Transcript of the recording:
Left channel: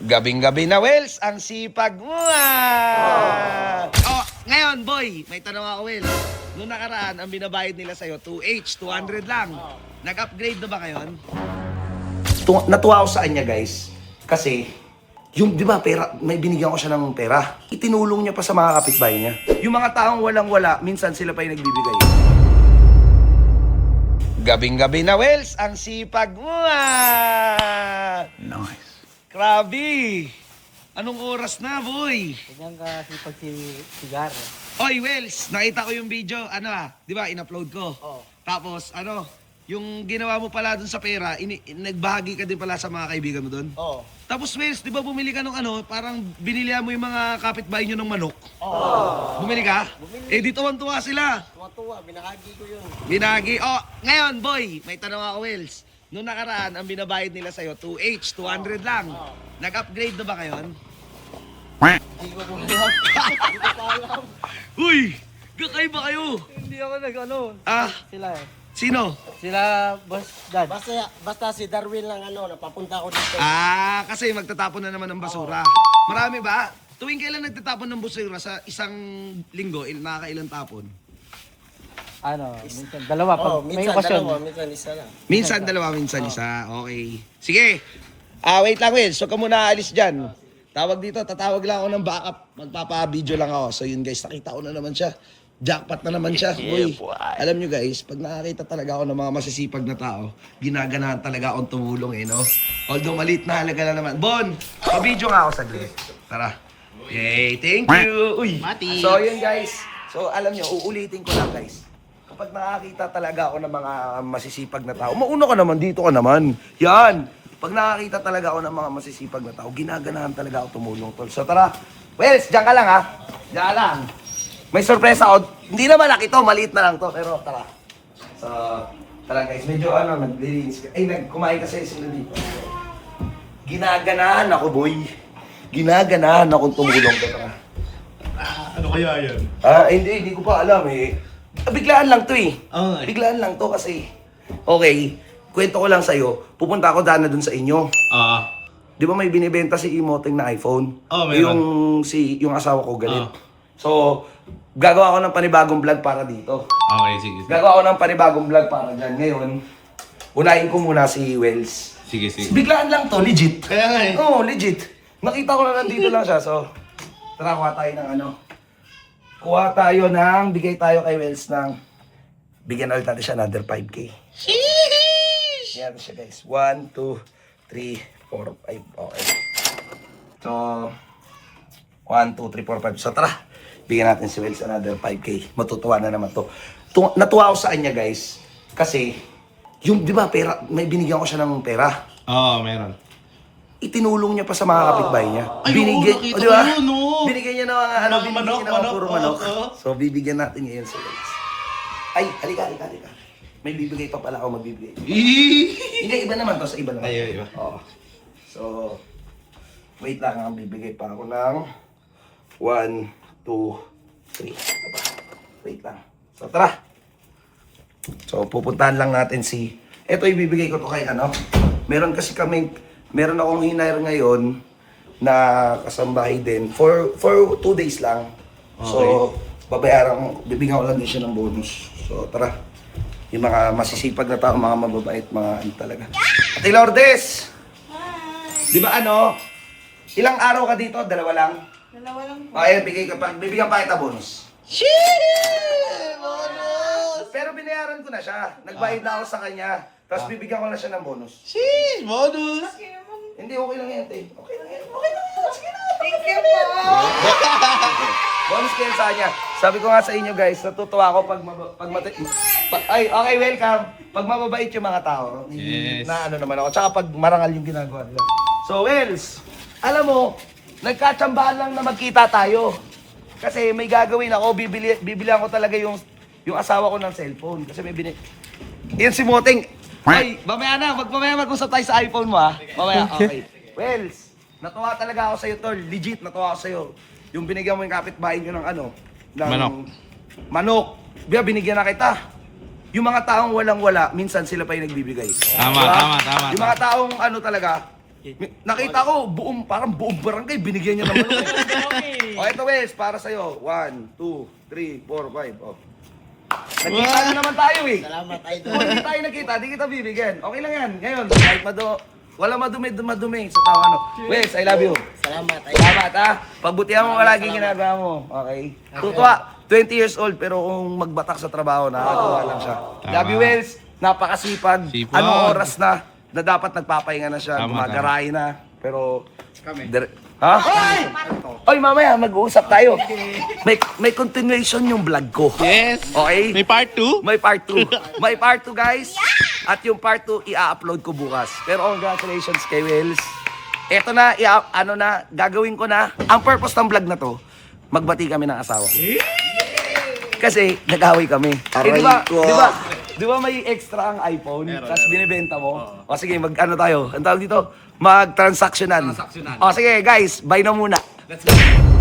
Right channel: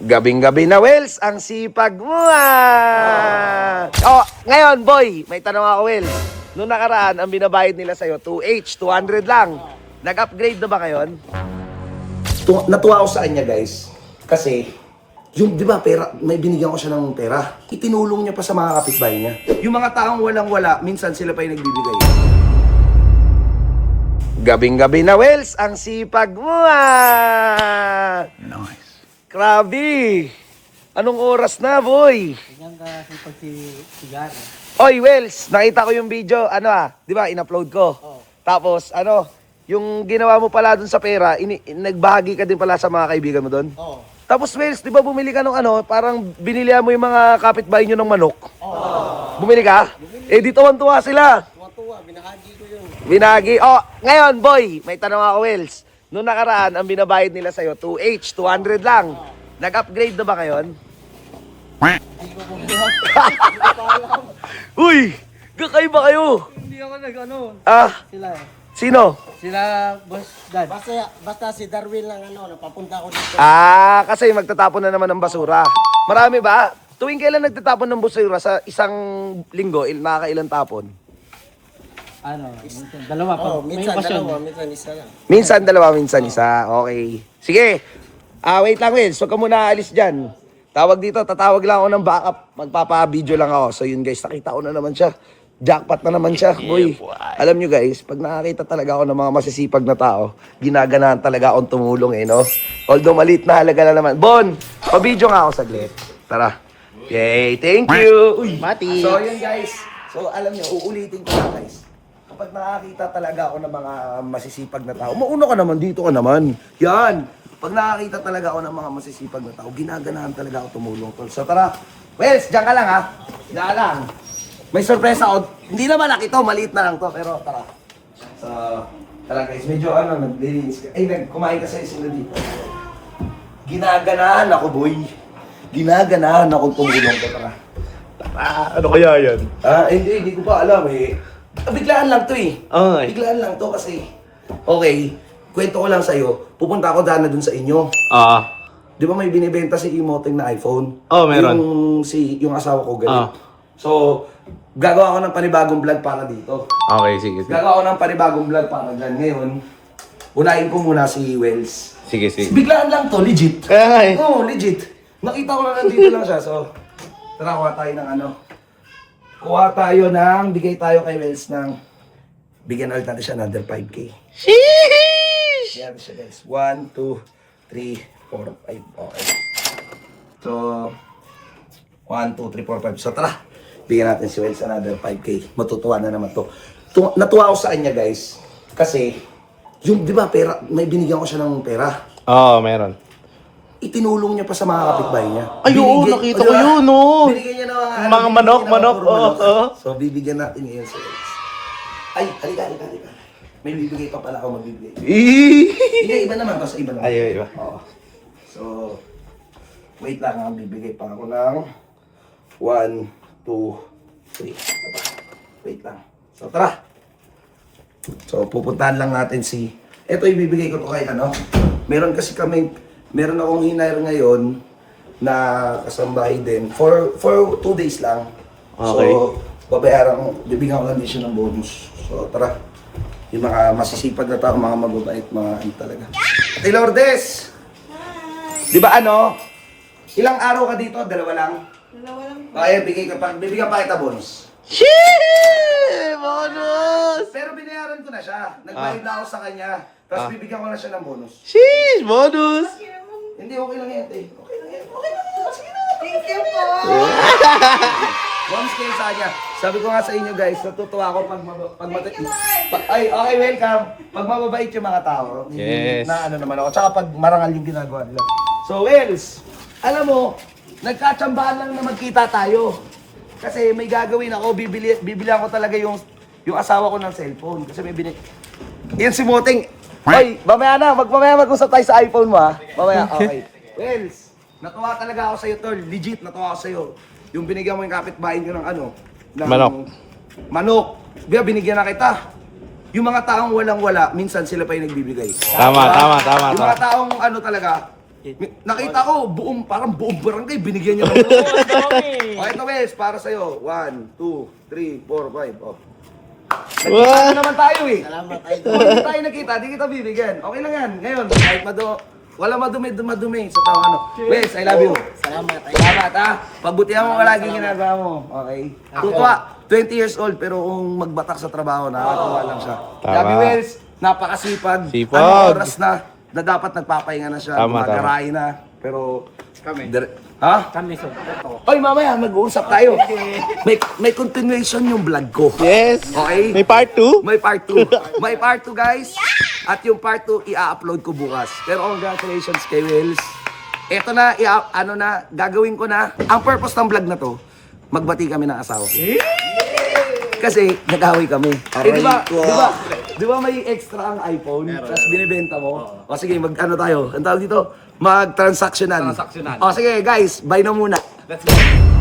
Gabing-gabi na, Wells, ang sipag mo Oh, ngayon, boy, may tanong ako, Wells. Noong nakaraan, ang binabayad nila sa'yo, 2H, 200 lang. Nag-upgrade na ba ngayon? Natuwa ako sa kanya, guys. Kasi, yung, di ba, pera, may binigyan ko siya ng pera. Itinulong niya pa sa mga kapitbahay niya. Yung mga taong walang-wala, minsan sila pa yung nagbibigay. Gabing-gabi na, Wells, ang sipag mo Nice. Grabe! Anong oras na, boy? Ganyan ka sipag si Cigar. Oy, Wells, nakita ko yung video, di ba, in-upload ko. Oo. Tapos, yung ginawa mo pala dun sa pera, nagbahagi ka din pala sa mga kaibigan mo dun. Oo. Tapos, Wells, di ba bumili ka ng parang binilihan mo yung mga kapitbahay nyo ng manok? Oo. Bumili ka? Eh, di tuwan-tuwa sila. Matuwa, binahagi ko yun. Binagi. Oh, ngayon, boy, may tanong ako, Wells. Noong nakaraan, ang binabayad nila sa'yo, 2H, 200 lang. Nag-upgrade na ba ngayon? Hindi ko po alam. Hindi ko pa alam. Uy! Kakaiba kayo! Hindi ako nag-ano. Sila Sino? Sila, Boss Dad. Basta si Darwin lang napapunta ko dito. Kasi magtatapon na naman ng basura. Marami ba? Tuwing kailan nagtatapon ng basura sa isang linggo, nakakailan tapon? Minsan dalawa. Pag may okasyon. Minsan isa lang. Minsan dalawa, minsan isa. Okay. Sige. Wait lang, Will. So, ka muna alis dyan. Tawag dito, tatawag lang ako ng backup. Magpapa-video lang ako. So, yun guys, nakita ko na naman siya. Jackpot na naman siya. Boy, alam nyo guys, pag nakakita talaga ako ng mga masisipag na tao, ginaganahan talaga akong tumulong no? Although maliit na halaga na naman. Bon, pa-video nga ako saglit. Tara. Yay, thank you. Uy, Mati. So, yun guys. So, alam nyo, uulitin ko lang guys. Kapag nakakita talaga ako ng mga masisipag na tao, mauna ka naman, dito ka naman. Yan. Pag nakakita talaga ako ng mga masisipag na tao, ginaganahan talaga ako tumulong, tol. So tara, Wells, diyan ka lang ha. Diyan ka lang. May sorpresa ako. Hindi naman laki to, maliit na lang to, pero tara. So, tara guys, medyo naglilinis ka. Kumain kasi sila dito. Ginaganahan ako, boy. Ginaganahan akong tumulong to, tara. Ano kaya yan? Hindi ko pa alam eh. Biglaan lang to eh. Ay. Biglaan lang to kasi. Okay, kwento ko lang sa'yo. Pupunta ako daan na dun sa inyo. Di ba may binibenta si Imoteng na iPhone? Meron. Yung asawa ko galit. So, gagawa ko ng panibagong vlog para dito. Okay, sige. Gagawa ko ng panibagong vlog para dyan. Ngayon, unahin ko muna si Wells. Sige. Biglaan lang to, legit. Kaya nga eh. Oo, legit. Nakita ko na nandito lang siya. So, tara, kuha tayo ng Kuha tayo ng, bigay tayo kay Wells ng, bigyan ulit natin siya another 5K. Sheesh! Yan siya guys. 1, 2, 3, 4, 5. Okay. So, 1, 2, 3, 4, 5. So tara, bigyan natin si Wells another 5K. Matutuwa na naman to. Natuwa ako sa kanya guys. Kasi, yung di ba pera, may binigyan ko siya ng pera. Meron. Itinulong niya pa sa mga kapitbahay niya. Ay, oo, nakita ko yun, no? Binigyan niya ng Mga binigyan manok, niya ng manok, puro manok. oo. So, bibigyan natin ngayon si Wells. Ay, halika. May bibigay pa pala ako magbibigay. Hindi, iba naman to. Sa iba naman. Ay, iba. Oo. So, wait lang. Bibigay pa ako ng 1, 2, 3. Wait lang. So, tara. So, pupuntahan lang natin si... Ito ibibigay ko to kay Meron akong hinire ngayon na kasambahay din for 2 days lang. So, bibigyan ko lang din siya ng bonus. So, tara. Yung mga masisipag na tao, mga mababait, mga talaga. Ate Lourdes! Di ba ilang araw ka dito? Dalawa lang? Dalawa lang po. Ayan, bibigyan pa kita bonus. Shit! Bonus! Pero binayaran ko na siya. Nagbayad na ako sa kanya. Tapos bibigyan ko na siya ng bonus. Sheesh! Bonus! Hindi, okay lang yan, te. Okay lang yan. Sige na. Thank you po. Bonus kayo sa kanya. Sabi ko nga sa inyo guys, natutuwa ako okay, welcome. Pag mababait yung mga tao. Yes. Na naman ako. Tsaka pag marangal yung ginagawa nila. So, Wells, alam mo, nagkatsambahan lang na magkita tayo. Kasi may gagawin ako, bibilihan ko talaga yung asawa ko ng cellphone. Kasi may Yan si Moteng. Ay, mamaya mag-usap tayo sa iPhone mo ha. Mamaya, okay. Wells, natuwa talaga ako sa'yo, tol. Legit, natuwa ako sa'yo. Yung binigyan mo yung kapitbahay nyo ng manok. Binigyan na kita. Yung mga taong walang-wala, minsan sila pa yung nagbibigay. Tama. Yung mga taong talaga, Nakita ko, parang buong barangay, binigyan niya ng O, ito, Wes, para sa'yo. 1, 2, 3, 4, 5. Oh. Nagkita na naman tayo eh. Salamat, idol. Kung hindi tayo nakita, di kita bibigyan. Okay lang yan. Ngayon, kahit wala madumi sa tao ano. Wes, I love you. Salamat, idol. Salamat ha. Pagbutihan mo palagi ginagawa mo. Okay. Tutuwa, 20 years old pero kung magbatak sa trabaho, nakakatuwa lang siya. Tama. Love you, Wes. Napakasipag. Sipag. Anong oras na dapat nagpapahinga na siya. Tama, Gumagarahe na. Pero... Ha? Oy, mamaya mag-uusap tayo. May continuation yung vlog ko. Yes. Okay? May part 2? May part 2. May part 2, guys. At yung part 2, i-upload ko bukas. Pero congratulations kay Wells. Eto na, gagawin ko na. Ang purpose ng vlog na to, magbati kami ng asawa. Kasi nag-away kami. Di ba may extra ang iPhone? Tapos binibenta mo? O sige, ano tayo? Ang tawag dito? Mag-transactionan. O sige, guys, bye na muna. Let's go.